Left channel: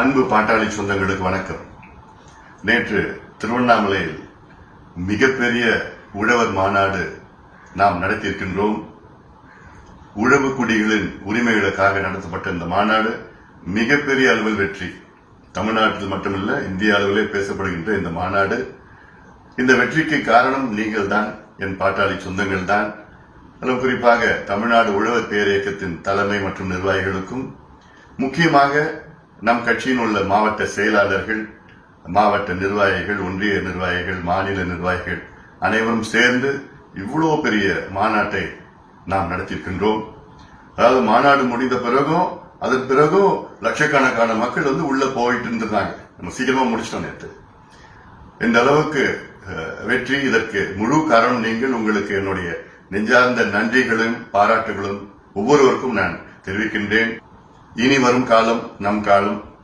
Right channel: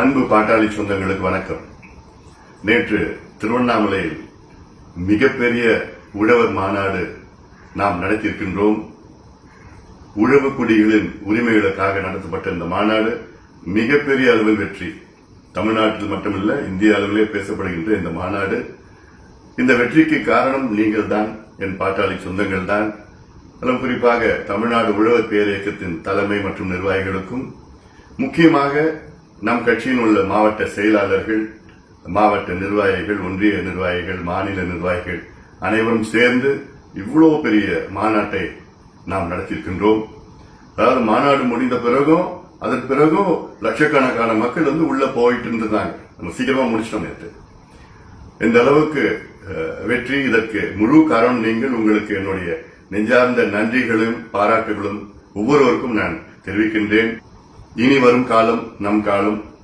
அன்பு பாட்டாளி சொந்தங்களுக்கு வணக்கம். நேற்று திருவண்ணாமலையில் மிகப்பெரிய உழவர் மாநாடு நாம் நடத்தியிருக்கின்றோம். உழவு குடிகளின் உரிமைகளுக்காக நடத்தப்பட்ட இந்த மாநாடு மிகப்பெரிய அளவில் வெற்றி. தமிழ்நாட்டில் மட்டுமல்ல, இந்திய அளவிலே பேசப்படுகின்ற இந்த மாநாடு, இந்த வெற்றிக்கு காரணம் நீங்கள் தான், என் பாட்டாளி சொந்தங்கள் தான். அதிலும் குறிப்பாக தமிழ்நாடு உழவர் பேரியக்கத்தின் தலைமை மற்றும் நிர்வாகிகளுக்கும், முக்கியமாக நம் கட்சியின் உள்ள மாவட்ட செயலாளர்கள், மாவட்ட நிர்வாகிகள், ஒன்றிய நிர்வாகிகள், மாநில நிர்வாகிகள் அனைவரும் சேர்ந்து இவ்வளவு பெரிய மாநாட்டை நாம் நடத்தியிருக்கின்றோம். அதாவது மாநாடு முடிந்த பிறகும் அதற்கு பிறகும் லட்சக்கணக்கான மக்கள் உள்ள போயிட்டு இருந்தாங்க. நம்ம சீக்கிரமா முடிச்சிட்டோம் நேற்று. இந்த அளவுக்கு வெற்றி, இதற்கு முழு காரணம் நீங்கள். உங்களுக்கு என்னுடைய நெஞ்சார்ந்த நன்றிகளும் பாராட்டுகளும் ஒவ்வொருவருக்கும் நான் தெரிவிக்கின்றேன். இனி வரும் காலம் நம் காலம்.